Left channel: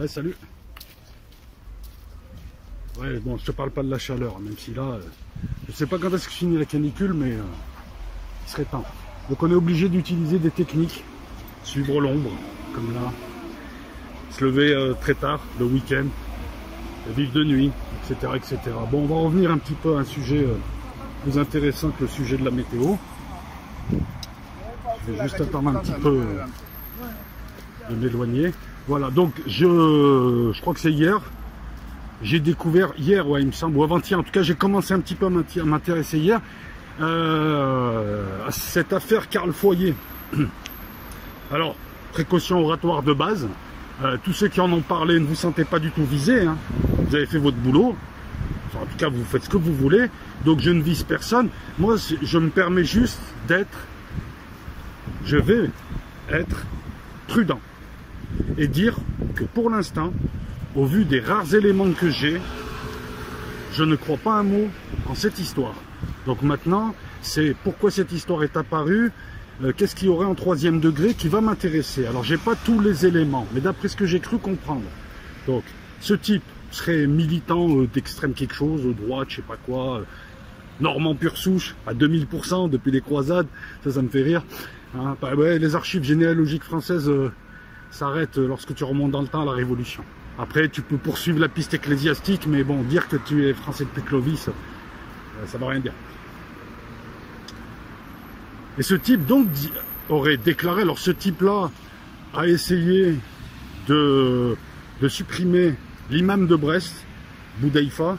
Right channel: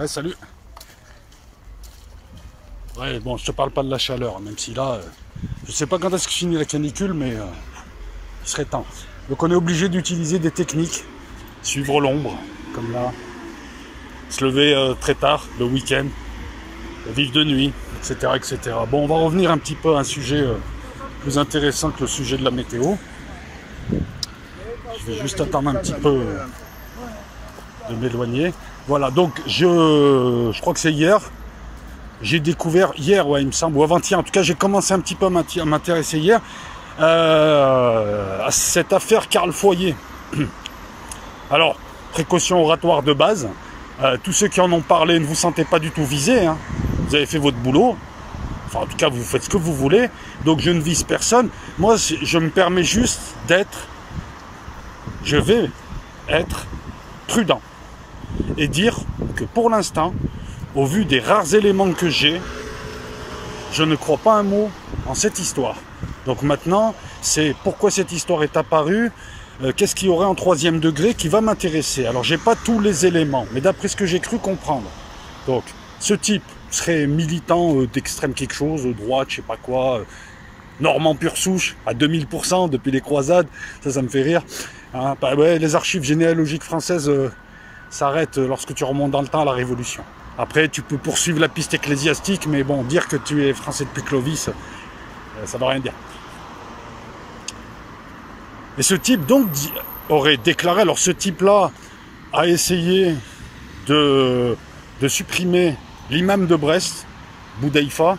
Ouais, salut. Ouais, bon, je te parle pas de la chaleur, même si là, je sais pas quand est-ce que finit la canicule, mais il serait temps. Donc on est obligé d'utiliser des techniques, suivre l'ombre, comme là, se lever très tard, le week-end, vivre de nuit, etc., etc. Bon, on va revenir un petit peu à un sujet plus intéressant que le sujet de la météo. Je vais juste attendre un petit peu de m'éloigner. Voilà, donc je crois que c'est hier. J'ai découvert hier, ouais, il me semble, ou avant-hier, en tout cas, j'ai commencé un petit peu à m'intéresser hier à cette affaire Carl Foyer. Alors, précaution oratoire de base. Tous ceux qui en ont parlé ne vous sentez pas du tout visés. Hein. Vous avez fait votre boulot. Enfin, en tout cas, vous faites ce que vous voulez. Donc, je ne vise personne. Moi, je me permets juste d'être... Je vais être prudent. Et dire que pour l'instant, au vu des rares éléments que j'ai, je ne crois pas un mot en cette histoire. Donc maintenant, c'est pourquoi cette histoire est apparue, qu'est-ce qu'il y aurait en 3e degré qui va m'intéresser. Alors, j'ai pas tous les éléments, mais d'après ce que j'ai cru comprendre. Donc, ce type serait militant d'extrême quelque chose, droite, je sais pas quoi, normand pure souche, à 2000% depuis les croisades, ça me fait rire. Hein, bah ouais, les archives généalogiques françaises s'arrêtent lorsque tu remontes dans le temps à la Révolution. Après, tu peux poursuivre la piste ecclésiastique, mais bon, dire que tu es français depuis Clovis, ça ne veut rien dire. Et ce type, donc, aurait déclaré, alors ce type-là a essayé de supprimer l'imam de Brest, Boudaïfa.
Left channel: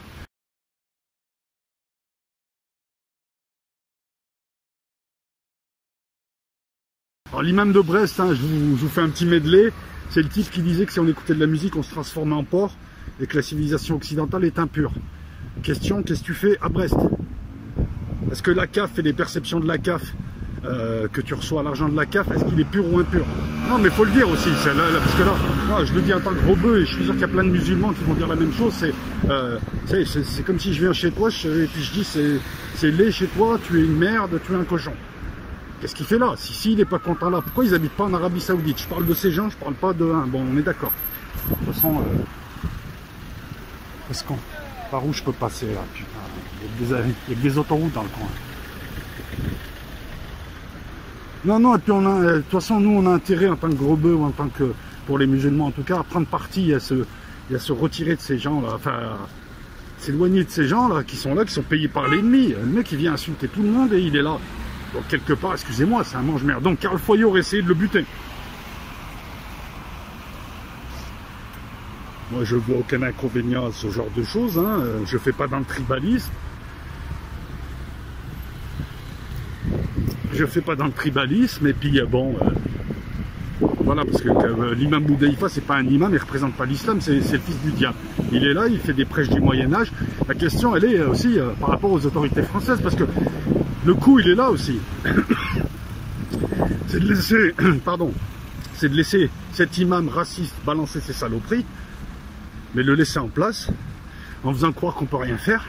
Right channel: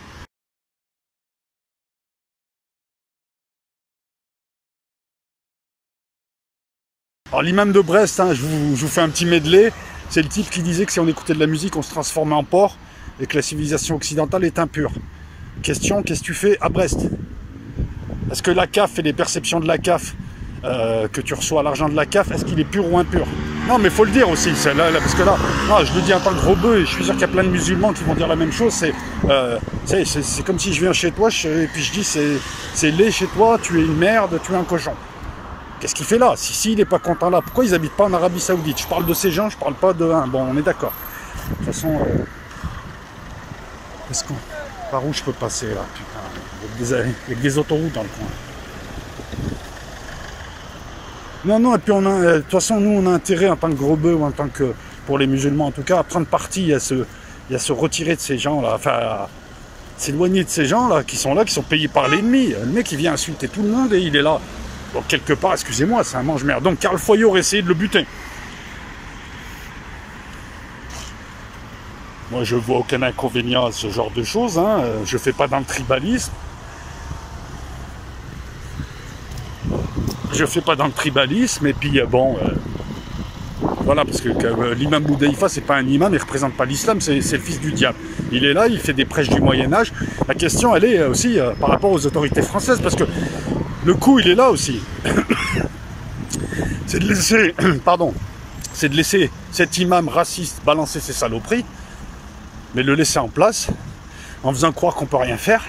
Alors l'imam de Brest, hein, je vous fais un petit medley. C'est le type qui disait que si on écoutait de la musique, on se transformait en porc et que la civilisation occidentale est impure. Question, qu'est-ce que tu fais à Brest? Est-ce que la CAF et les perceptions de la CAF, que tu reçois l'argent de la CAF, est-ce qu'il est pur ou impur? Non, mais il faut le dire aussi, là, parce que là, non, je le dis en tant que gros bœuf, et je suis sûr qu'il y a plein de musulmans qui vont dire la même chose. C'est comme si je viens chez toi et puis je dis c'est laid chez toi, tu es une merde, tu es un cochon. Qu'est-ce qu'il fait là? Si il n'est pas content là, pourquoi ils n'habitent pas en Arabie Saoudite? Je parle de ces gens, je parle pas de... Bon, on est d'accord. De toute façon, par où je peux passer là? Putain, il y a des autoroutes dans le coin. Non, et puis de toute façon, nous, on a intérêt en tant que gros bœuf, ou en tant que... Pour les musulmans, en tout cas, à prendre parti, à se retirer de ces gens-là, enfin, à s'éloigner de ces gens-là, qui sont payés par l'ennemi. Le mec, il vient insulter tout le monde et il est là. Donc quelque part, excusez-moi, c'est un mange-merde. Donc Carl Foyer aurait essayé de le buter. Moi, je vois aucun inconvénient à ce genre de choses. Hein. Je fais pas dans le tribalisme. Et puis bon, voilà, parce que l'imam Boudaïfa, c'est pas un imam, il représente pas l'islam, c'est le fils du diable. Il est là, il fait des prêches du Moyen-Âge. La question, elle est aussi par rapport aux autorités françaises, parce que le coup, il est là aussi. C'est de laisser, pardon, c'est de laisser cet imam raciste balancer ses saloperies, mais le laisser en place, en faisant croire qu'on peut rien faire.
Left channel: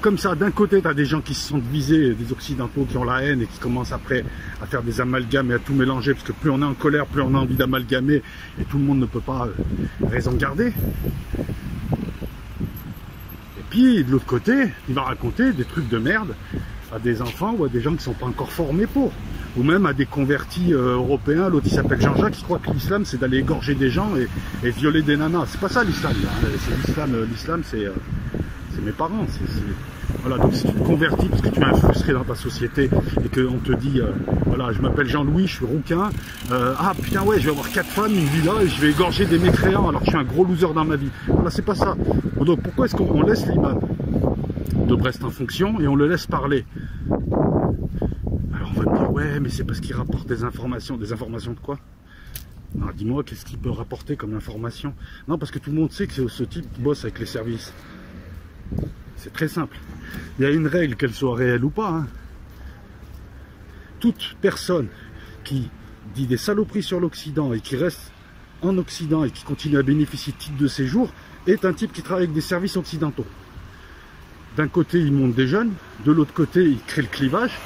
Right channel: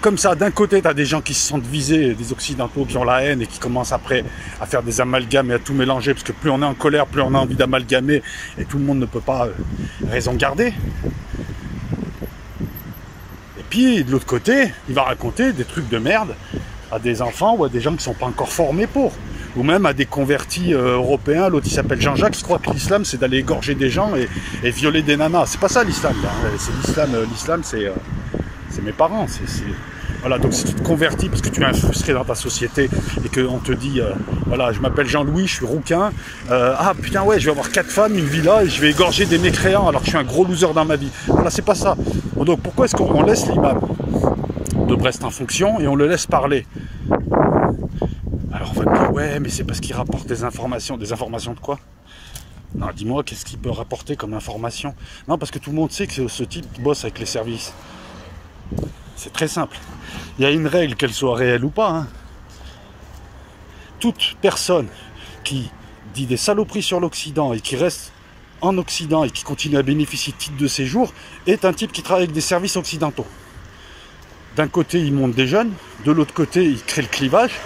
Comme ça, d'un côté, tu as des gens qui se sentent visés, des occidentaux qui ont la haine et qui commencent après à faire des amalgames et à tout mélanger, parce que plus on est en colère, plus on a envie d'amalgamer, et tout le monde ne peut pas raison garder. Et puis, de l'autre côté, il va raconter des trucs de merde à des enfants ou à des gens qui ne sont pas encore formés pour. Ou même à des convertis européens. L'autre, il s'appelle Jean-Jacques, qui croit que l'islam, c'est d'aller égorger des gens et violer des nanas. C'est pas ça l'islam. C'est l'islam. L'islam, c'est mes parents. Voilà, donc si tu te convertis parce que tu es un frustré dans ta société et qu'on te dit, voilà, je m'appelle Jean-Louis, je suis rouquin, ah putain ouais, je vais avoir 4 femmes, une villa et je vais égorger des mécréants alors que je suis un gros loser dans ma vie. Voilà, c'est pas ça. Donc pourquoi est-ce qu'on laisse l'imam de Brest en fonction et on le laisse parler? Alors on va me dire, ouais, mais c'est parce qu'il rapporte des informations. Des informations de quoi? Non, dis-moi, qu'est-ce qu'il peut rapporter comme information? Non, parce que tout le monde sait que ce type bosse avec les services. C'est très simple. Il y a une règle, qu'elle soit réelle ou pas. Hein. Toute personne qui dit des saloperies sur l'Occident et qui reste en Occident et qui continue à bénéficier de titre de séjour est un type qui travaille avec des services occidentaux. D'un côté, il monte des jeunes, de l'autre côté, il crée le clivage,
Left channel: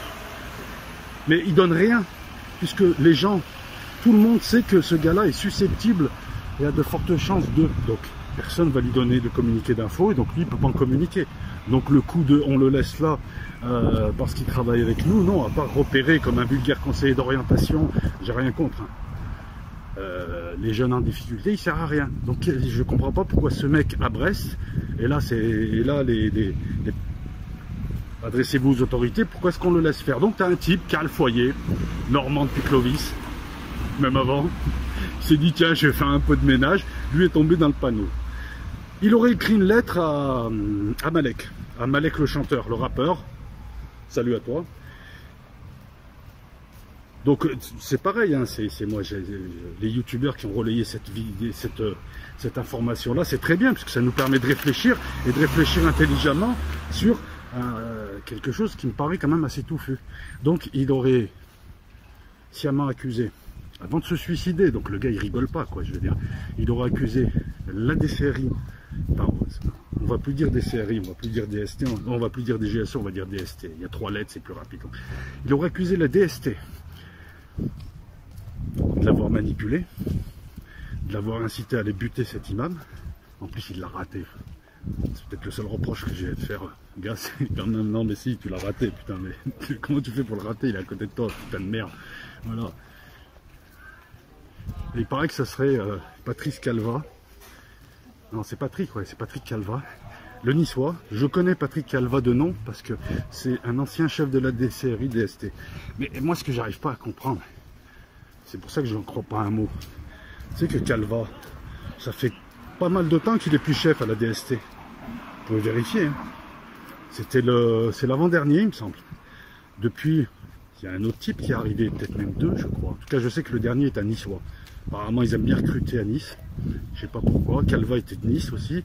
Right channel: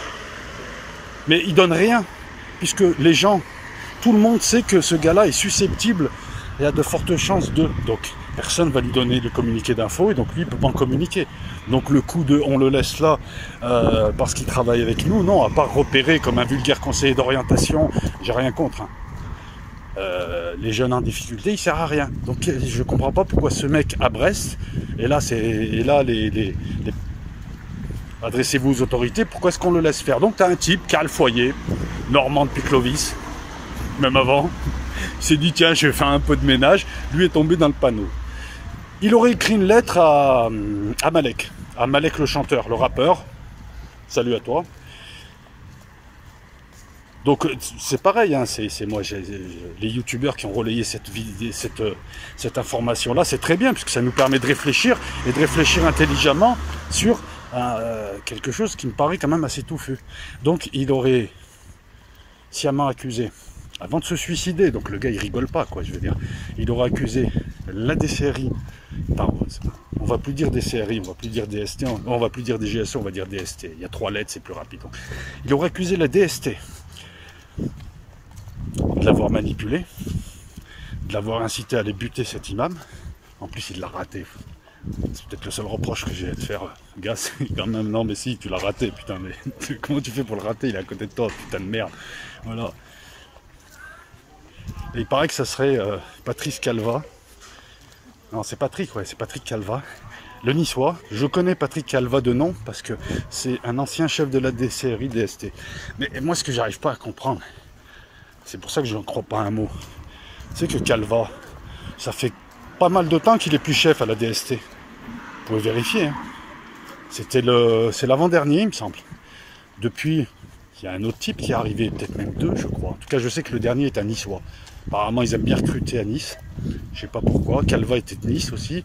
mais il donne rien, puisque les gens, tout le monde sait que ce gars-là est susceptible il y a de fortes chances de... Donc, personne ne va lui donner le communiqué d'info et donc lui, il ne peut pas en communiquer. Donc, le coup de on le laisse là parce qu'il travaille avec nous, non, à part repérer comme un vulgaire conseiller d'orientation, j'ai rien contre. Hein. Les jeunes en difficulté, il sert à rien. Donc, je comprends pas pourquoi ce mec à Brest, et là, adressez-vous aux autorités, pourquoi est-ce qu'on le laisse faire? Donc, tu as un type qui a le foyer, normand depuis Clovis, même avant. Il s'est dit, tiens, je vais faire un peu de ménage. Lui est tombé dans le panneau. Il aurait écrit une lettre à Malek le chanteur, le rappeur. Salut à toi. Donc c'est pareil, hein, c'est moi, les youtubeurs qui ont relayé cette information-là, c'est très bien, puisque ça nous permet de réfléchir, et de réfléchir intelligemment sur quelque chose qui me paraît quand même assez touffu. Donc il aurait sciemment accusé, avant de se suicider, donc le gars il rigole pas, quoi, je veux dire, il aurait accusé la DCRI, on va plus dire DCRI, on va plus dire DST, on va plus dire DGSE, on va dire DST, il y a 3 lettres, c'est plus rapide. Donc, il aurait accusé la DST de l'avoir manipulé, de l'avoir incité à aller buter cet imam. En plus il l'a raté. C'est peut-être le seul reproche que j'ai à te faire, gars, c'est quand même, non mais si, tu l'as raté, putain, mais comment tu fais pour le rater? Il est à côté de toi, putain de merde. Voilà. Et il paraît que ça serait Patrice Calva. Non, c'est Patrick, ouais, c'est Patrick Calva. Le niçois. Je connais Patrick Calva de nom parce que c'est un ancien chef de la DCRI DST. Mais moi, ce que j'arrive pas à comprendre, c'est pour ça que je n'en crois pas un mot, c'est que Calva, ça fait pas mal de temps qu'il est plus chef à la DST. Vous pouvez vérifier. Hein. C'est l'avant-dernier, il me semble. Depuis, il y a un autre type qui est arrivé, peut-être même 2, je crois. En tout cas, je sais que le dernier est un niçois. Apparemment, ils aiment bien recruter à Nice. Je sais pas pourquoi. Calva était de Nice aussi.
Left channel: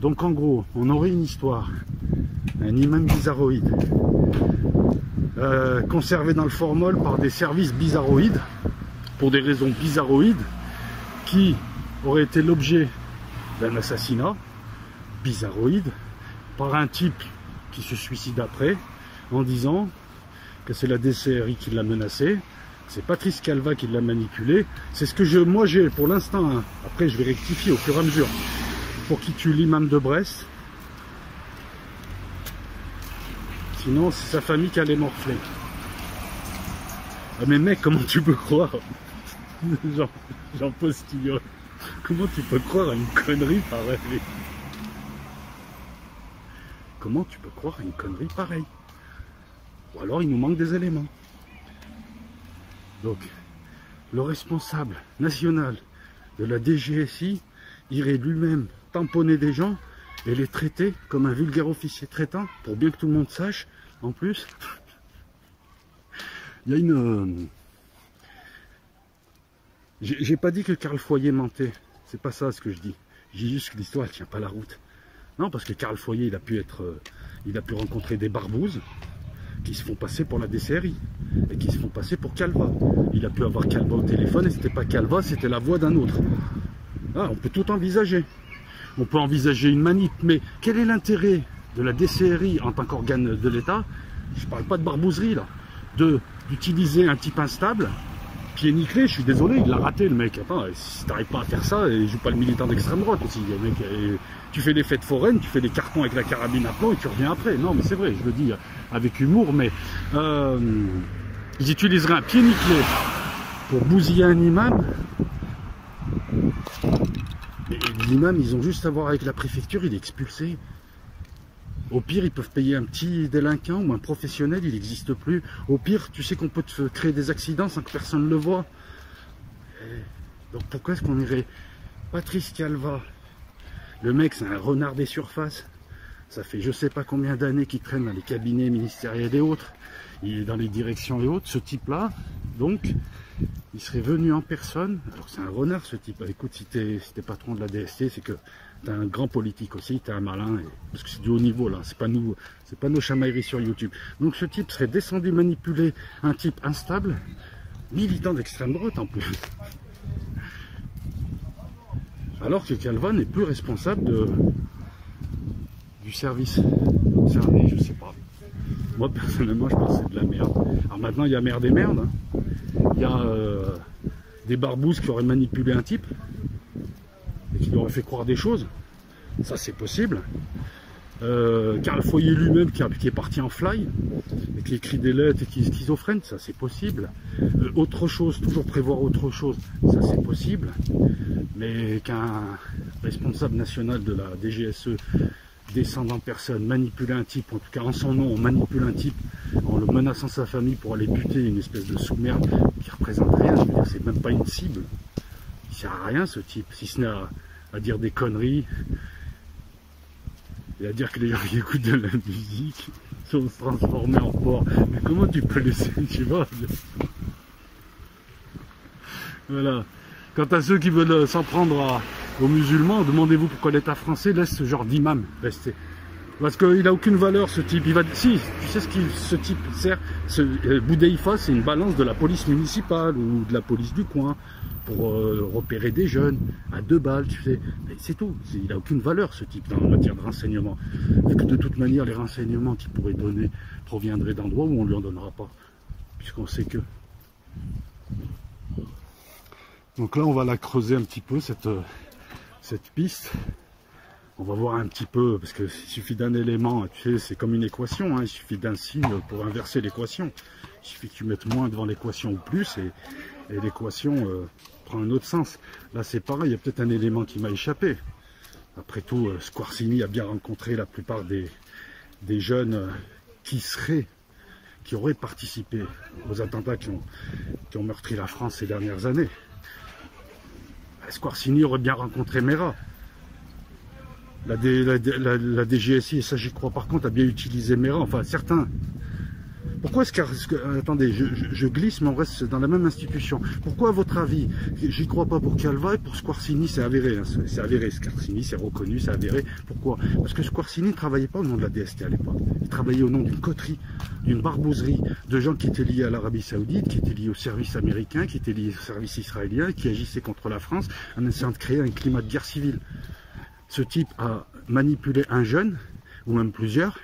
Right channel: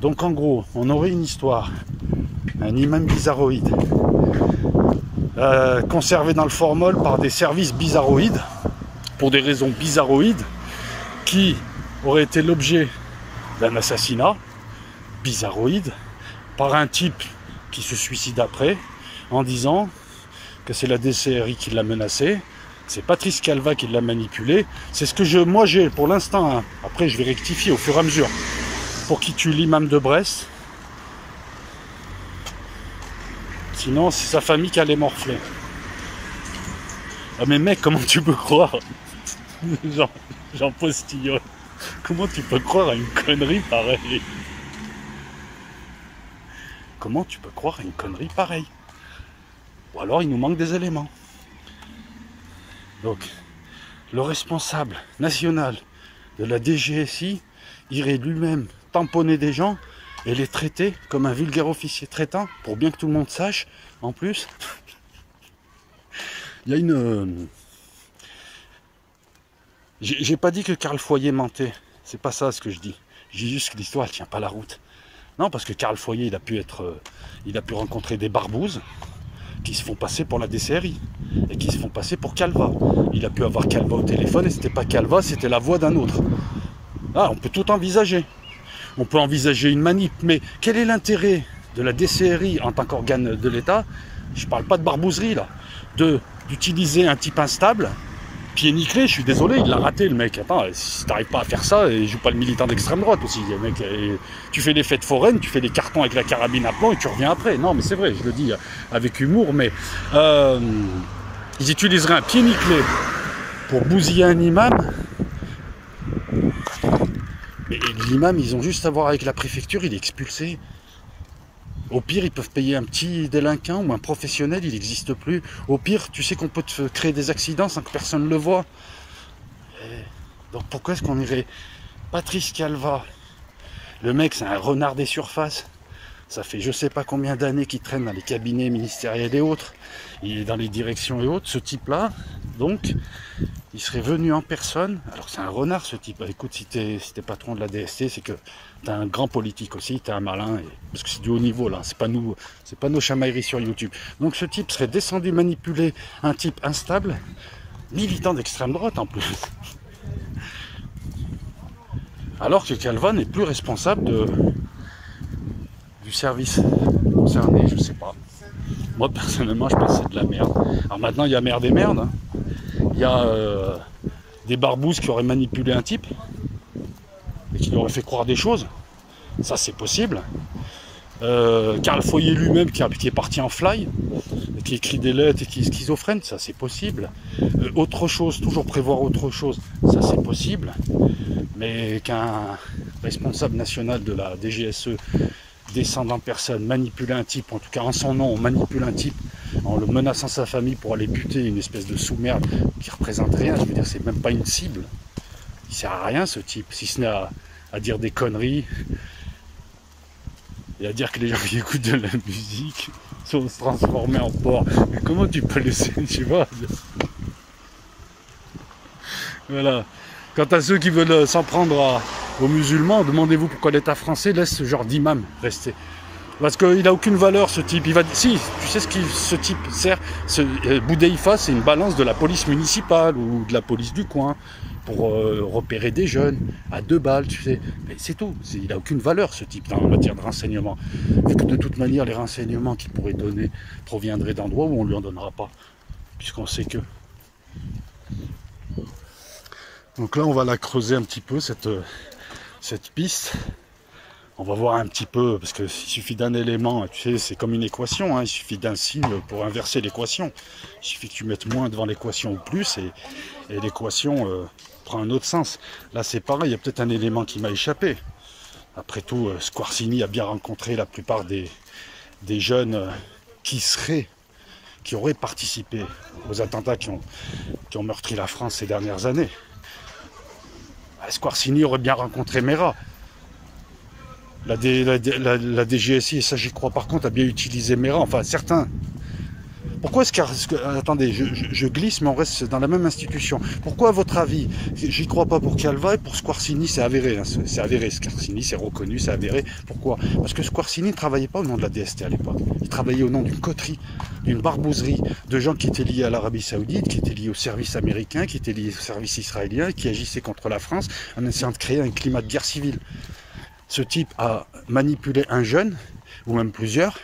Donc, en gros, on aurait une histoire. Un imam bizarroïde. Conservé dans le formol par des services bizarroïdes. Pour des raisons bizarroïdes. Qui aurait été l'objet d'un assassinat. Bizarroïde. Par un type qui se suicide après. En disant que c'est la DCRI qui l'a menacé. C'est Patrice Calva qui l'a manipulé. C'est ce que moi j'ai pour l'instant. Hein. Après, je vais rectifier au fur et à mesure. Pour qui tue l'imam de Brest. Sinon, c'est sa famille qui allait morfler. Ah mais mec, comment tu peux croire? Jean Postillon. Comment tu peux croire à une connerie pareille? Comment tu peux croire à une connerie pareille? Ou alors il nous manque des éléments. Donc, le responsable national de la DGSI irait lui-même tamponner des gens et les traiter comme un vulgaire officier traitant, pour bien que tout le monde sache, en plus. Il y a une... J'ai pas dit que Karl Foyer mentait, c'est pas ça ce que je dis. Je dis juste que l'histoire elle tient pas la route. Non, parce que Karl Foyer, il a pu rencontrer des barbouzes qui se font passer pour la DCRI et qui se font passer pour Calva. Il a pu avoir Calva au téléphone et c'était pas Calva, c'était la voix d'un autre. Ah, on peut tout envisager. On peut envisager une manip, mais quel est l'intérêt de la DCRI en tant qu'organe de l'État? Je parle pas de barbouzerie là, d'utiliser un type instable, pied nickelé, je suis désolé, il l'a raté le mec. Attends, si t'arrives pas à faire ça, et joue pas le militant d'extrême droite aussi, mec. Tu fais les fêtes foraines, tu fais les cartons avec la carabine à plomb et tu reviens après. Non mais c'est vrai, je le dis avec humour, mais ils utiliseraient un pied nickelé pour bousiller un imam. Mais l'imam, ils ont juste à voir avec la préfecture, il est expulsé. Au pire, ils peuvent payer un petit délinquant ou un professionnel, il n'existe plus. Au pire, tu sais qu'on peut te créer des accidents sans que personne ne le voit. Donc pourquoi est-ce qu'on irait... Patrice Calva, le mec, c'est un renard des surfaces. Ça fait je sais pas combien d'années qu'il traîne dans les cabinets ministériels et autres. Il est dans les directions et autres. Ce type-là, donc, il serait venu en personne. Alors c'est un renard ce type. Écoute, si t'es patron de la DST, c'est que t'es un grand politique aussi, t'es un malin. Parce que c'est du haut niveau là, c'est pas nos chamailleries sur YouTube. Donc ce type serait descendu manipuler un type instable, militant d'extrême droite en plus. Alors que Calva n'est plus responsable du service concerné, je sais pas. Moi personnellement je pense que c'est de la merde. Alors maintenant il y a merde et merde. Hein. Il des barbouzes qui auraient manipulé un type et qui lui auraient fait croire des choses. Ça, c'est possible. Karl Foyer lui-même qui est parti en fly, et qui écrit des lettres et qui est schizophrène, ça c'est possible. Autre chose, toujours prévoir autre chose, ça c'est possible. Mais qu'un responsable national de la DGSE descende en personne, manipule un type, en tout cas en son nom, on manipule un type en le menaçant sa famille pour aller buter une espèce de sous-merde qui représente rien, je veux dire, c'est même pas une cible. Il sert à rien ce type, si ce n'est à dire des conneries. Et à dire que les gens qui écoutent de la musique sont transformés en porc. Mais comment tu peux laisser, tu vois? Voilà. Quant à ceux qui veulent s'en prendre aux musulmans, demandez-vous pourquoi l'État français laisse ce genre d'imam rester. Parce qu'il n'a aucune valeur, ce type. Il va... Si, tu sais ce type sert. Boudéifa, c'est une balance de la police municipale ou de la police du coin pour repérer des jeunes à 2 balles, tu sais. Mais c'est tout. Il n'a aucune valeur, ce type, en matière de renseignement. Vu que de toute manière, les renseignements qu'il pourrait donner proviendraient d'endroits où on ne lui en donnera pas. Puisqu'on sait que... Donc là, on va la creuser un petit peu, cette piste. On va voir un petit peu, parce qu'il suffit d'un élément, tu sais, c'est comme une équation, hein, il suffit d'un signe pour inverser l'équation. Il suffit que tu mettes moins devant l'équation ou plus, et l'équation prend un autre sens. Là, c'est pareil, il y a peut-être un élément qui m'a échappé. Après tout, Squarcini a bien rencontré la plupart des jeunes qui auraient participé aux attentats qui ont meurtri la France ces dernières années. Squarcini aurait bien rencontré Mera. La DGSI, et ça j'y crois par contre, a bien utilisé Mera, enfin certains. Pourquoi est-ce que... Attendez, je glisse, mais on reste dans la même institution. Pourquoi, à votre avis, j'y crois pas pour Calva et pour Squarcini, c'est avéré, hein, c'est avéré, Squarcini, c'est reconnu, c'est avéré. Pourquoi? Parce que Squarcini ne travaillait pas au nom de la DST à l'époque. Il travaillait au nom d'une coterie, d'une barbouzerie, de gens qui étaient liés à l'Arabie Saoudite, qui étaient liés au service américain, qui étaient liés au service israélien, qui agissaient contre la France en essayant de créer un climat de guerre civile. Ce type a manipulé un jeune, ou même plusieurs.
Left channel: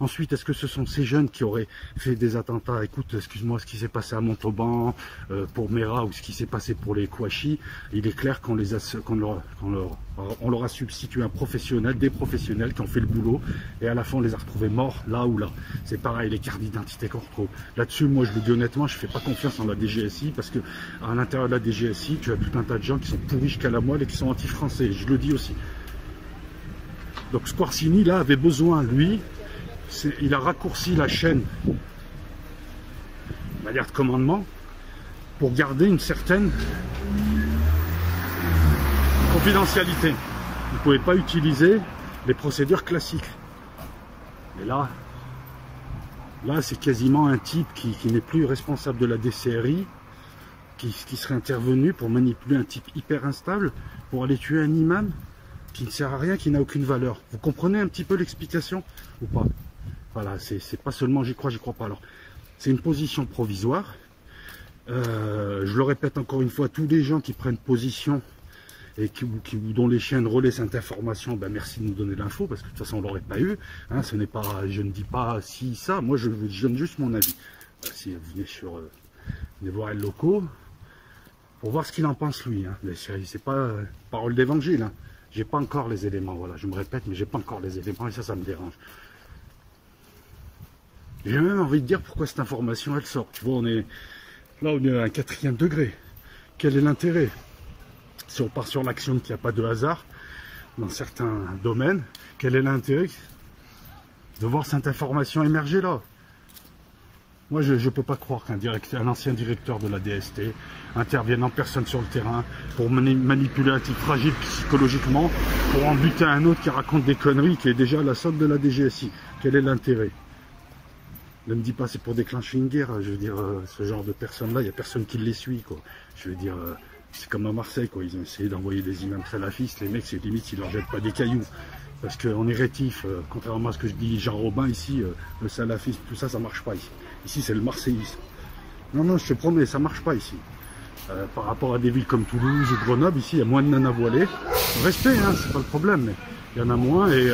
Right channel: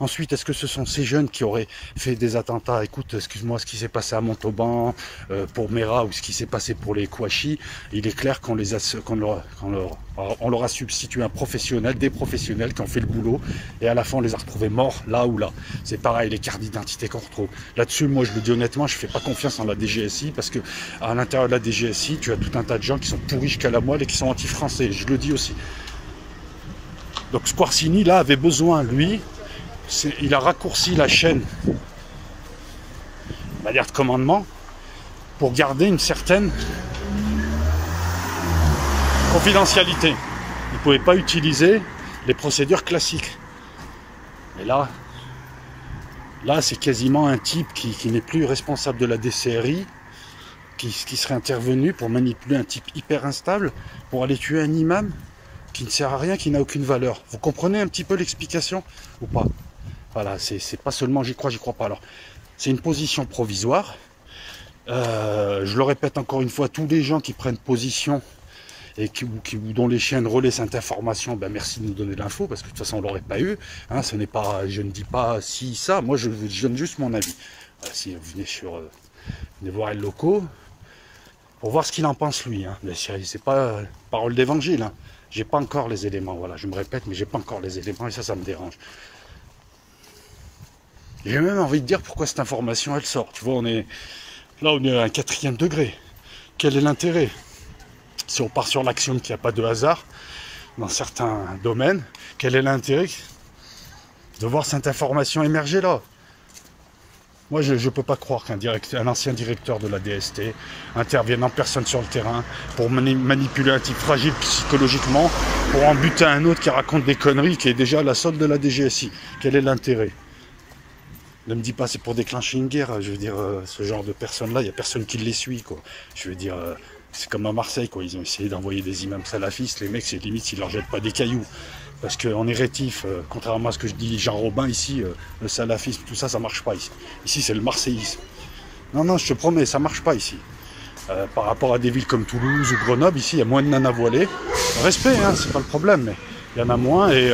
Ensuite, est-ce que ce sont ces jeunes qui auraient fait des attentats? Écoute, excuse-moi, ce qui s'est passé à Montauban pour Mera ou ce qui s'est passé pour les Kouachi, il est clair qu'on leur a substitué un professionnel, des professionnels qui ont fait le boulot, et à la fin on les a retrouvés morts là ou là. C'est pareil, les cartes d'identité qu'on retrouve. Là-dessus, moi je le dis honnêtement, je ne fais pas confiance en la DGSI, parce que à l'intérieur de la DGSI, tu as tout un tas de gens qui sont pourris jusqu'à la moelle et qui sont anti-français, je le dis aussi. Donc Squarcini, là, avait besoin, lui, il a raccourci la chaîne, on va dire, de commandement, pour garder une certaine confidentialité. Il ne pouvait pas utiliser les procédures classiques. Mais là c'est quasiment un type qui n'est plus responsable de la DCRI, qui serait intervenu pour manipuler un type hyper instable, pour aller tuer un imam qui ne sert à rien, qui n'a aucune valeur. Vous comprenez un petit peu l'explication ou pas? Voilà, c'est pas seulement j'y crois pas. Alors, c'est une position provisoire. Je le répète encore une fois, tous les gens qui prennent position et dont les chiens relaient cette information, ben merci de nous donner l'info, parce que de toute façon on l'aurait pas eu. Hein, ce n'est pas, je ne dis pas si ça, moi je donne juste mon avis. Si vous venez venez voir les locaux pour voir ce qu'il en pense lui. Hein. Mais c'est pas parole d'évangile. Hein. J'ai pas encore les éléments. Voilà, je me répète, mais j'ai pas encore les éléments et ça me dérange. J'ai même envie de dire pourquoi cette information elle sort. Tu vois, on est à un 4e degré. Quel est l'intérêt? Si on part sur l'axiome qu'il n'y a pas de hasard dans certains domaines, quel est l'intérêt de voir cette information émerger là? Moi, je ne peux pas croire qu'un ancien directeur de la DST intervienne en personne sur le terrain pour manipuler un type fragile psychologiquement, pour en buter un autre qui raconte des conneries, qui est déjà à la solde de la DGSI. Quel est l'intérêt? Ne me dis pas c'est pour déclencher une guerre. Je veux dire, ce genre de personnes-là, il n'y a personne qui les suit, quoi. Je veux dire, c'est comme à Marseille, quoi. Ils ont essayé d'envoyer des imams salafistes. Les mecs, c'est limite s'ils leur jettent pas des cailloux. Parce qu'on est rétif, contrairement à ce que je dis Jean Robin ici, le salafisme, tout ça, ça marche pas ici. Ici, c'est le marseillisme. Non, je te promets, ça marche pas ici. Par rapport à des villes comme Toulouse ou Grenoble, ici, il y a moins de nanas voilées. Respect, hein, c'est pas le problème, mais il y en a moins. Et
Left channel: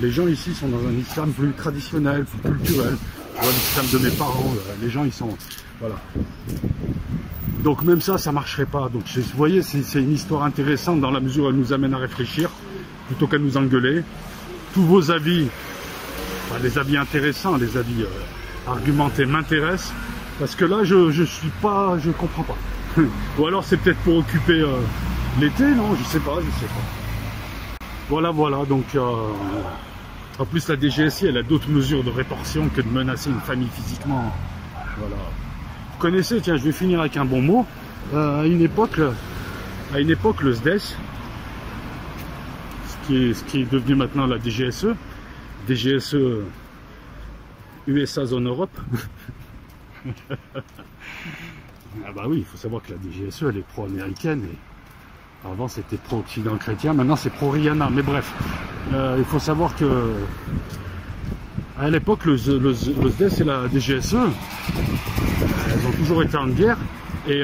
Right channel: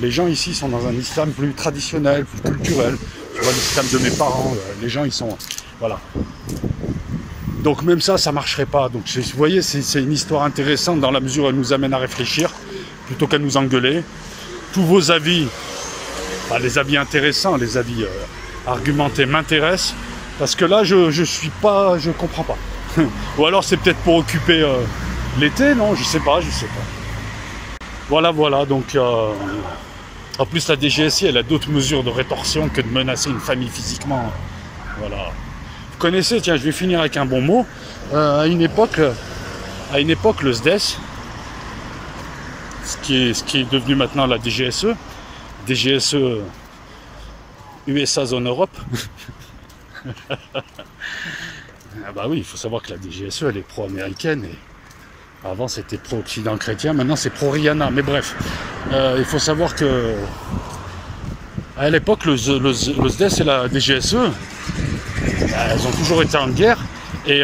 les gens ici sont dans un islam plus traditionnel, plus culturel. Tu vois, l'islam de mes parents, les gens, ils sont... Voilà. Donc même ça marcherait pas. Donc vous voyez, c'est une histoire intéressante dans la mesure où elle nous amène à réfléchir, plutôt qu'à nous engueuler. Tous vos avis, les avis intéressants, les avis argumentés m'intéressent, parce que là, je comprends pas. Ou alors c'est peut-être pour occuper l'été, non, je sais pas. Voilà, donc en plus la DGSI, elle a d'autres mesures de rétorsion que de menacer une famille physiquement. Voilà. Vous connaissez, tiens, je vais finir avec un bon mot. À une époque, le SDES, ce qui est devenu maintenant la DGSE, USA Zone Europe. Ah bah oui, il faut savoir que la DGSE, elle est pro-américaine et avant c'était pro-occident chrétien, maintenant c'est pro-Rihanna. Mais bref, il faut savoir que à l'époque, le SDES et la DGSE, elles ont toujours été en guerre et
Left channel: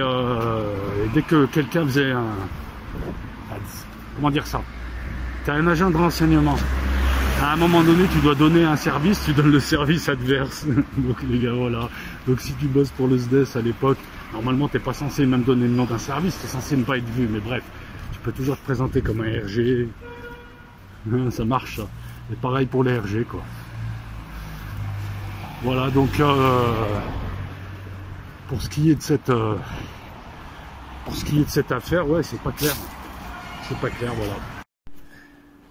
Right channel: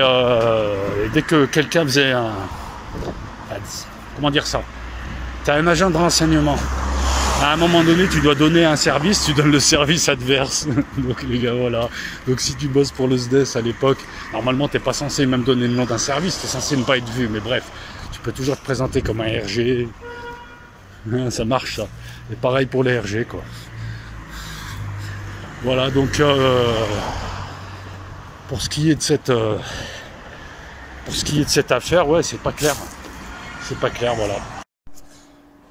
dès que quelqu'un faisait comment dire ça, tu as un agent de renseignement. À un moment donné, tu dois donner un service, tu donnes le service adverse. Donc les gars, voilà. Donc si tu bosses pour le SDES à l'époque, normalement, tu n'es pas censé même donner le nom d'un service, tu es censé ne pas être vu. Mais bref, tu peux toujours te présenter comme un RG. Ça marche, ça. Et pareil pour les RG, quoi. Voilà, donc pour ce qui est de cette affaire, ouais, c'est pas clair. C'est pas clair, voilà.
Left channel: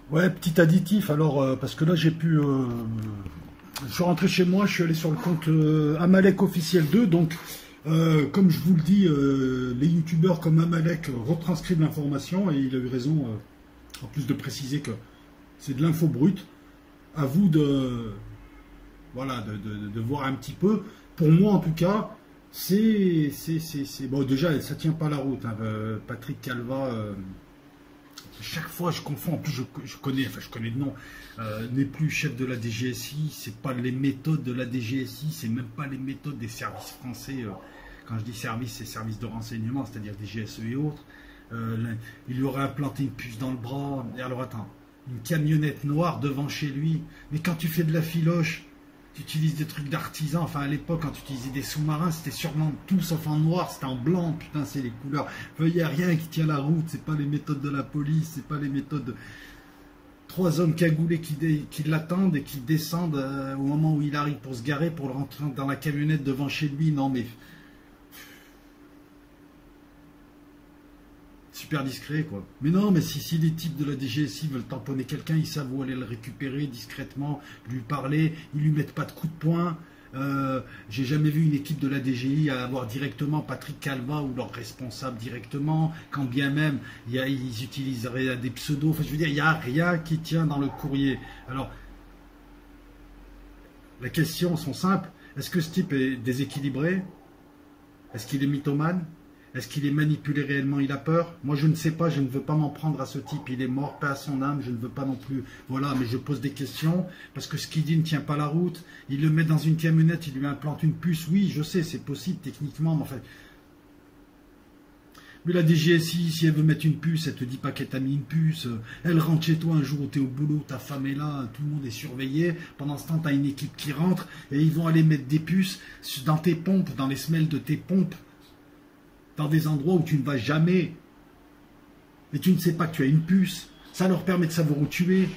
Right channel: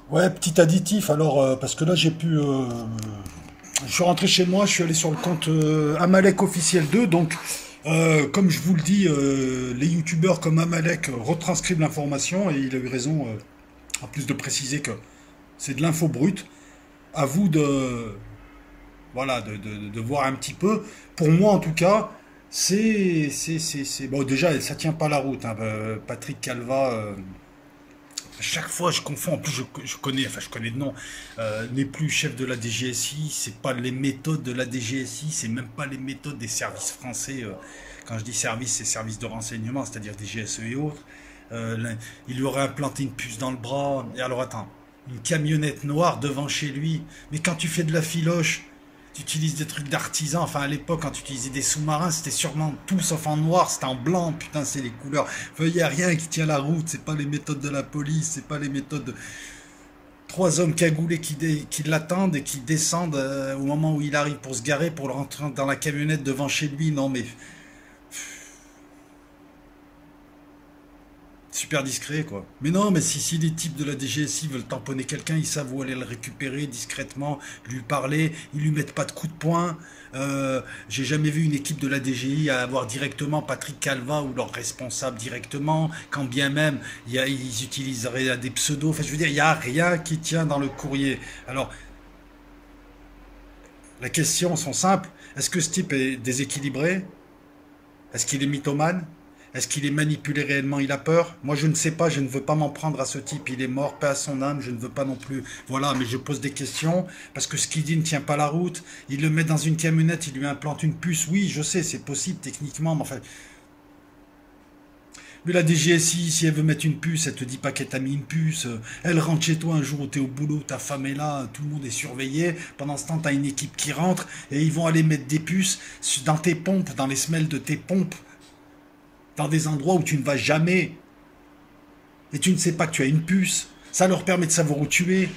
Ouais, petit additif, alors, parce que là, je suis rentré chez moi, je suis allé sur le compte Amalek officiel 2, donc, comme je vous le dis, les youtubeurs comme Amalek retranscrivent l'information, et il a eu raison, en plus de préciser que c'est de l'info brute. À vous voilà, de voir un petit peu. Pour moi, en tout cas, c'est bon, déjà, ça tient pas la route, hein. Patrick Calva... À chaque fois, je confonds. En plus, je connais de nom. N'est plus chef de la DGSI. C'est pas les méthodes de la DGSI. C'est même pas les méthodes des services français. Quand je dis service, c'est services de renseignement, c'est-à-dire DGSE et autres. Il lui aurait implanté une puce dans le bras. Et alors, attends. Une camionnette noire devant chez lui. Mais quand tu fais de la filoche, tu utilises des trucs d'artisan. Enfin, à l'époque, quand tu utilisais des sous-marins, c'était sûrement tout sauf en noir, c'était en blanc. Putain, c'est les couleurs. Enfin, il n'y a rien qui tient la route. C'est pas les méthodes de la police, c'est pas les méthodes de... 3 hommes cagoulés qui l'attendent et qui descendent au moment où il arrive pour se garer, pour le rentrer dans la camionnette devant chez lui. Non, mais... super discret, quoi. Mais non, mais si les types de la DGSI veulent tamponner quelqu'un, ils savent où aller le récupérer discrètement, lui parler, ils lui mettent pas de coups de poing. J'ai jamais vu une équipe de la DGI avoir directement Patrick Calva ou leur responsable directement, quand bien même ils utiliseraient des pseudos. Enfin, je veux dire, il n'y a rien qui tient dans le courrier. Alors, les questions sont simples. Est-ce que ce type est déséquilibré? Est-ce qu'il est mythomane? Est-ce qu'il est manipulé réellement? Il a peur? Moi, je ne sais pas. Je ne veux pas m'en prendre à ce type. Il est mort, paix à son âme. Je ne veux pas non plus. Voilà, mais je pose des questions parce que ce qu'il dit ne tient pas la route. Il le met dans une camionnette, il lui implante une puce. Oui, je sais, c'est possible techniquement, mais enfin... Mais la DGSI, si elle veut mettre une puce, elle te dit pas qu'elle t'a mis une puce. Elle rentre chez toi un jour où tu es au boulot, ta femme est là, tout le monde est surveillé. Pendant ce temps, tu as une équipe qui rentre et ils vont aller mettre des puces dans tes pompes, dans les semelles de tes pompes, dans des endroits où tu ne vas jamais. Et tu ne sais pas que tu as une puce. Ça leur permet de savoir où tu es,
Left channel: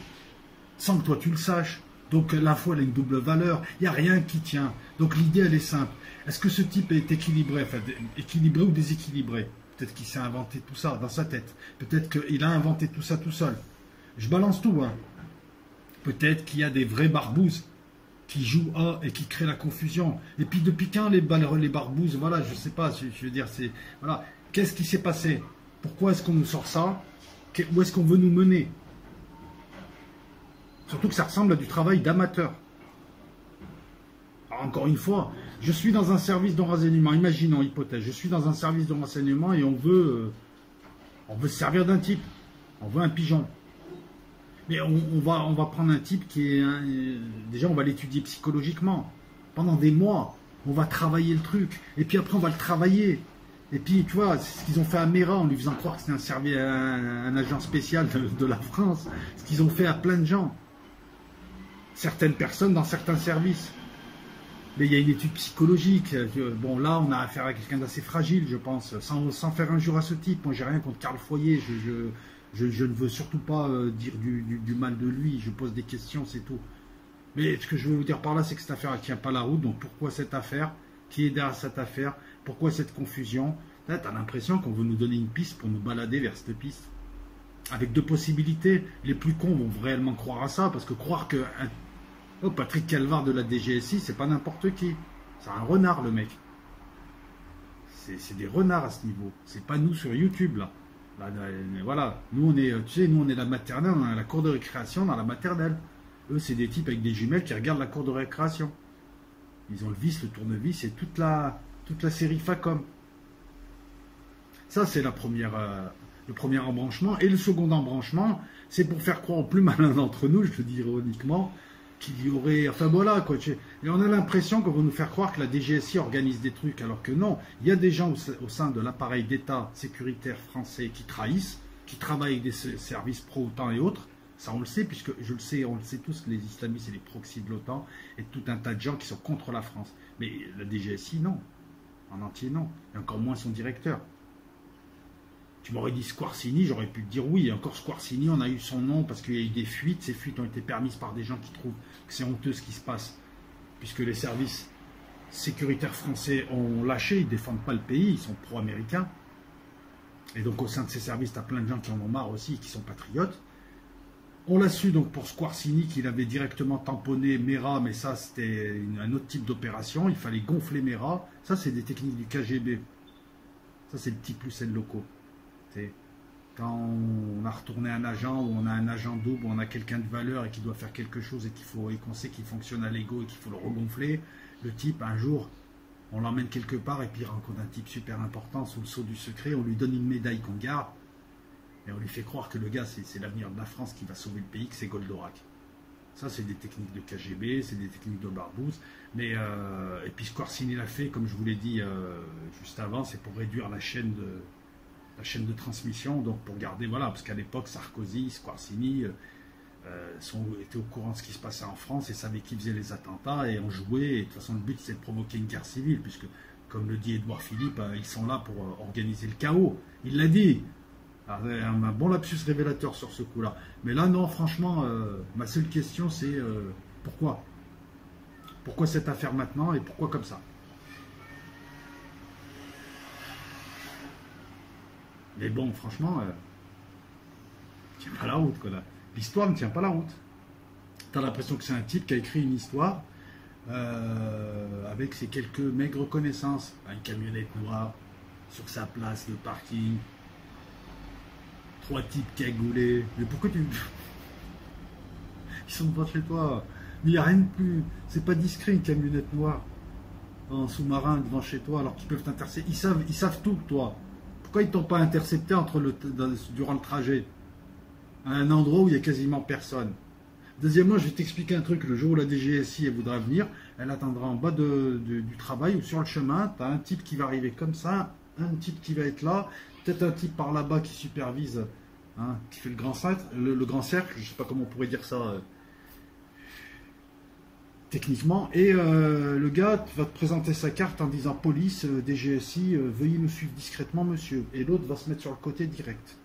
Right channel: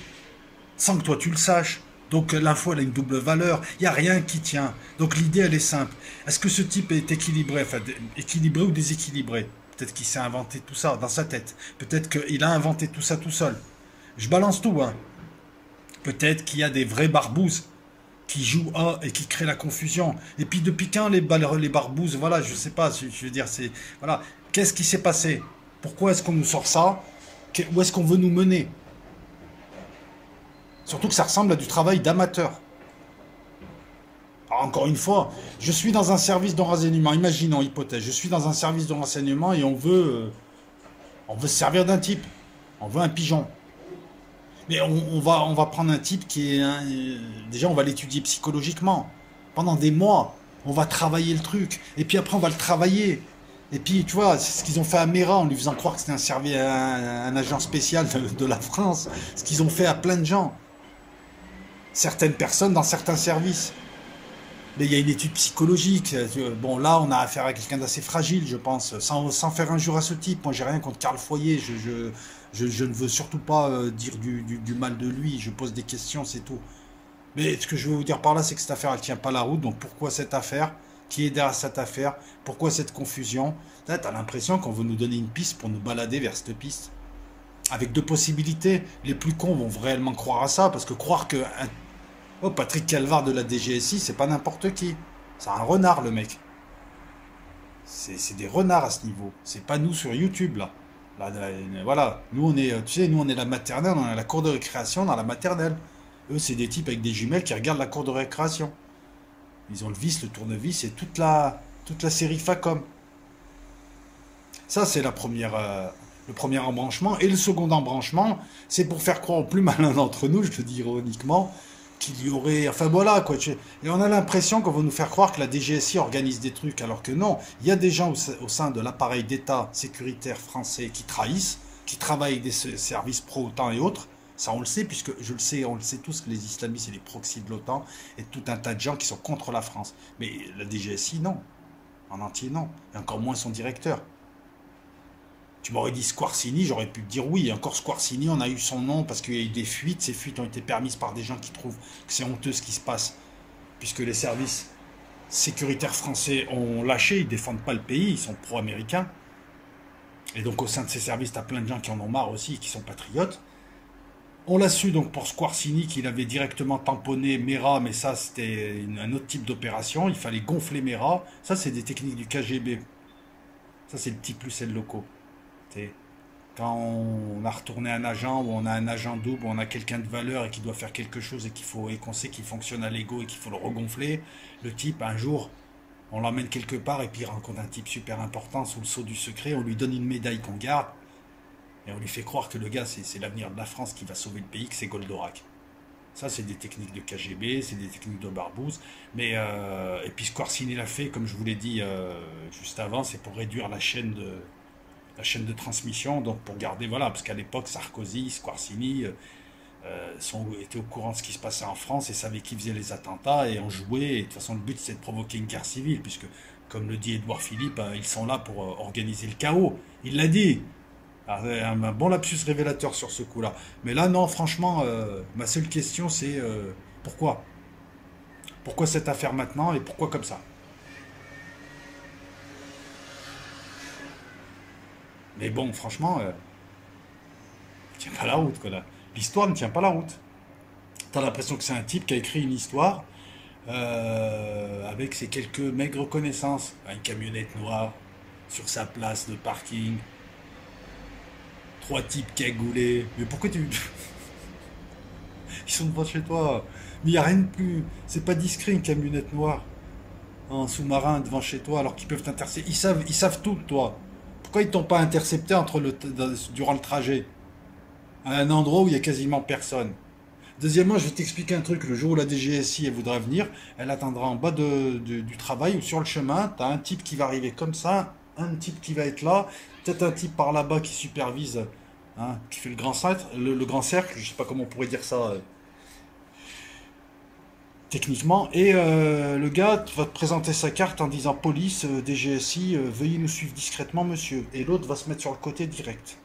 sans que toi tu le saches. Donc l'info, elle a une double valeur. Il n'y a rien qui tient. Donc l'idée, elle est simple. Est-ce que ce type est équilibré, enfin, équilibré ou déséquilibré? Peut-être qu'il s'est inventé tout ça dans sa tête. Peut-être qu'il a inventé tout ça tout seul. Je balance tout, hein. Peut-être qu'il y a des vrais barbouzes qui jouent à et qui créent la confusion. Et puis depuis quand les barbouzes, voilà, je sais pas, je veux dire, c'est... Voilà, qu'est-ce qui s'est passé? Pourquoi est-ce qu'on nous sort ça? Où est-ce qu'on veut nous mener? Surtout que ça ressemble à du travail d'amateur. Encore une fois, je suis dans un service de renseignement, imaginons, hypothèse, je suis dans un service de renseignement et on veut se servir d'un type, on veut un pigeon. Mais on va prendre un type qui est... déjà, on va l'étudier psychologiquement. Pendant des mois, on va travailler le truc. Et puis après, on va le travailler. Et puis, tu vois, c'est ce qu'ils ont fait à Mera, en lui faisant croire que c'était un agent spécial de la France. Ce qu'ils ont fait à plein de gens. Certaines personnes dans certains services. Mais il y a une étude psychologique. Bon, là, on a affaire à quelqu'un d'assez fragile, je pense. Sans faire injure à ce type. Moi, j'ai rien contre Karl Foyer. Je ne veux surtout pas dire du mal de lui. Je pose des questions, c'est tout. Mais ce que je veux vous dire par là, c'est que cette affaire, elle tient pas la route. Donc pourquoi cette affaire? Qui est derrière cette affaire? Pourquoi cette confusion? Là, t'as l'impression qu'on veut nous donner une piste pour nous balader vers cette piste. Avec deux possibilités. Les plus cons vont réellement croire à ça, parce que croire que oh, Patrick Calvar de la DGSI, c'est pas n'importe qui. C'est un renard, le mec. C'est des renards à ce niveau. C'est pas nous sur YouTube, là. Voilà. Nous, on est, tu sais, nous, on est la maternelle, on est à la cour de récréation dans la maternelle. Eux, c'est des types avec des jumelles qui regardent la cour de récréation. Ils ont le vis, le tournevis et toute la série Facom. Ça, c'est le premier embranchement. Et le second embranchement, c'est pour faire croire au plus malin d'entre nous, je te dis ironiquement, qu'il y aurait... Enfin voilà, quoi. Et on a l'impression qu'on va nous faire croire que la DGSI organise des trucs, alors que non. Il y a des gens au sein de l'appareil d'État sécuritaire français qui trahissent, qui travaillent avec des services pro-OTAN et autres. Ça, on le sait, puisque je le sais, on le sait tous que les islamistes et les proxys de l'OTAN et tout un tas de gens qui sont contre la France. Mais la DGSI, non. En entier, non. Et encore moins son directeur. Tu m'aurais dit Squarcini, j'aurais pu te dire oui. Et encore Squarcini, on a eu son nom parce qu'il y a eu des fuites. Ces fuites ont été permises par des gens qui trouvent que c'est honteux ce qui se passe. Puisque les services sécuritaires français ont lâché, ils ne défendent pas le pays, ils sont pro-américains. Et donc au sein de ces services, tu as plein de gens qui en ont marre aussi, qui sont patriotes. On l'a su donc pour Squarcini qu'il avait directement tamponné Mera, mais ça c'était un autre type d'opération. Il fallait gonfler Mera. Ça c'est des techniques du KGB. Ça c'est le petit plus et le locaux. Quand on a retourné un agent, ou on a un agent double, ou on a quelqu'un de valeur et qui doit faire quelque chose et qu'on sait qu'il fonctionne à l'ego et qu'il faut le regonfler, le type un jour on l'emmène quelque part et puis il rencontre un type super important sous le sceau du secret, on lui donne une médaille qu'on garde. Et on lui fait croire que le gars, c'est l'avenir de la France qui va sauver le pays, que c'est Goldorak. Ça, c'est des techniques de KGB, c'est des techniques de Barbouze. Mais, et puis Squarcini l'a fait, comme je vous l'ai dit juste avant, c'est pour réduire la chaîne de transmission, donc pour garder, voilà, parce qu'à l'époque, Sarkozy, Squarcini étaient au courant de ce qui se passait en France et savaient qui faisait les attentats et en jouaient. Et de toute façon, le but, c'est de provoquer une guerre civile, puisque, comme le dit Édouard Philippe, ils sont là pour organiser le chaos. Il l'a dit. Un bon lapsus révélateur sur ce coup-là. Mais là, non, franchement, ma seule question, c'est pourquoi? Pourquoi cette affaire maintenant et pourquoi comme ça? Mais bon, franchement, tient pas la route, quoi. L'histoire ne tient pas la route. T'as l'impression que c'est un type qui a écrit une histoire avec ses quelques maigres connaissances. Une camionnette noire sur sa place de parking. 3 types cagoulés. Mais pourquoi tu... Ils sont devant chez toi. Mais il n'y a rien de plus... C'est pas discret une camionnette noire en sous-marin devant chez toi alors qu'ils peuvent t'intercepter. Ils savent tout de toi. Pourquoi ils t'ont pas intercepté durant le trajet? À un endroit où il n'y a quasiment personne. Deuxièmement, je vais t'expliquer un truc. Le jour où la DGSI elle voudra venir, elle attendra en bas du travail ou sur le chemin. Tu as un type qui va arriver comme ça, un type qui va être là, peut-être un type par là-bas qui supervise, hein, qui fait le grand cercle, je ne sais pas comment on pourrait dire ça techniquement. Et le gars va te présenter sa carte en disant police, DGSI, veuillez nous suivre discrètement, monsieur. Et l'autre va se mettre sur le côté direct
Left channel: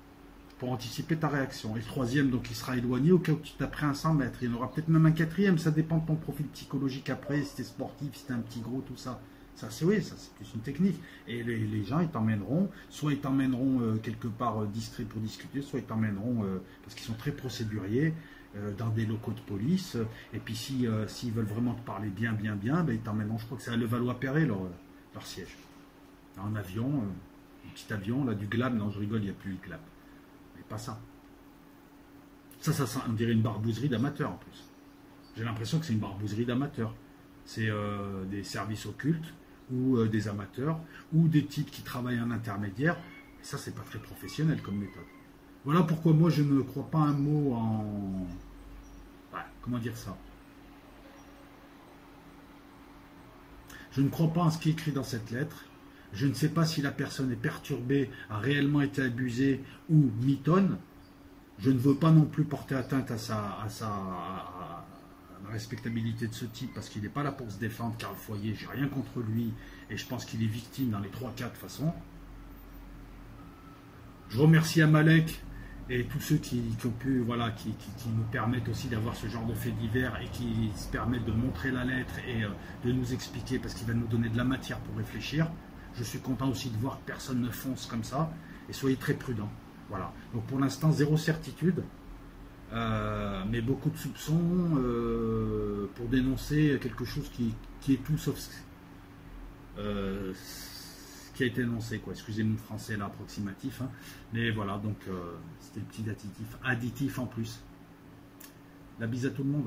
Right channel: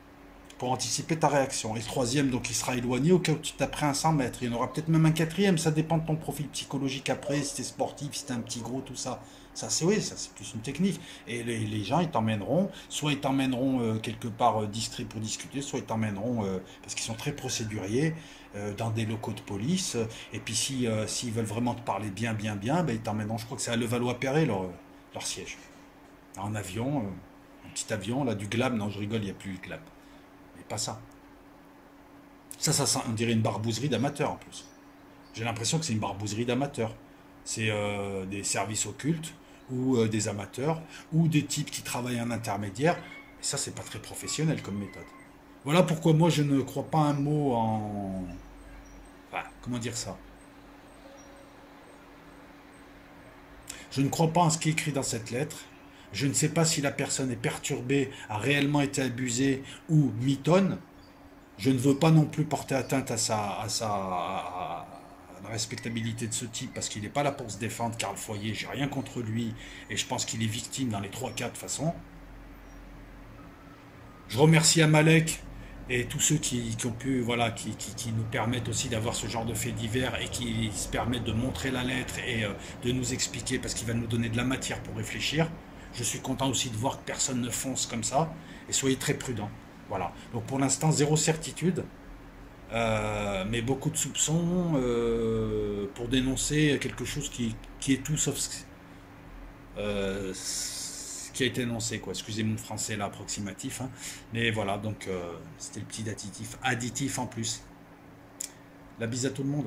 pour anticiper ta réaction. Et le troisième, donc, il sera éloigné au cas où tu t'apprêtes à 100 mètres. Il y en aura peut-être même un quatrième, ça dépend de ton profil psychologique après, si t'es sportif, si t'es un petit gros, tout ça. Ça, c'est oui, ça c'est plus une technique. Et les gens, ils t'emmèneront, soit ils t'emmèneront quelque part distrait pour discuter, soit ils t'emmèneront, parce qu'ils sont très procéduriers, dans des locaux de police. Et puis s'ils veulent vraiment te parler bien, ben, ils t'emmèneront, je crois que c'est à Levallois-Perret, leur siège. En avion, un petit avion, là, du Glab, non, je rigole, il n'y a plus de Glab. Mais pas ça. Ça, on dirait une barbouzerie d'amateur en plus. J'ai l'impression que c'est une barbouzerie d'amateur. C'est des services occultes, ou des amateurs, ou des types qui travaillent en intermédiaire. Et ça, c'est pas très professionnel comme méthode. Voilà pourquoi moi, je ne crois pas un mot en... Enfin, comment dire ça? Je ne crois pas en ce qui est écrit dans cette lettre. Je ne sais pas si la personne est perturbée, a réellement été abusée ou mitonne. Je ne veux pas non plus porter atteinte à la respectabilité de ce type, parce qu'il n'est pas là pour se défendre, Karl Foyer, j'ai rien contre lui, et je pense qu'il est victime dans les 3 cas de façon. Je remercie Amalek et tous ceux qui ont pu, voilà, qui nous permettent aussi d'avoir ce genre de faits divers et qui se permettent de montrer la lettre et de nous expliquer, parce qu'il va nous donner de la matière pour réfléchir. Je suis content aussi de voir que personne ne fonce comme ça, et soyez très prudents. Voilà. Donc pour l'instant, zéro certitude, mais beaucoup de soupçons pour dénoncer quelque chose qui est tout sauf ce qui a été énoncé, quoi. Excusez mon français là approximatif, hein. Mais voilà, donc c'était le petit additif en plus. La bise à tout le monde.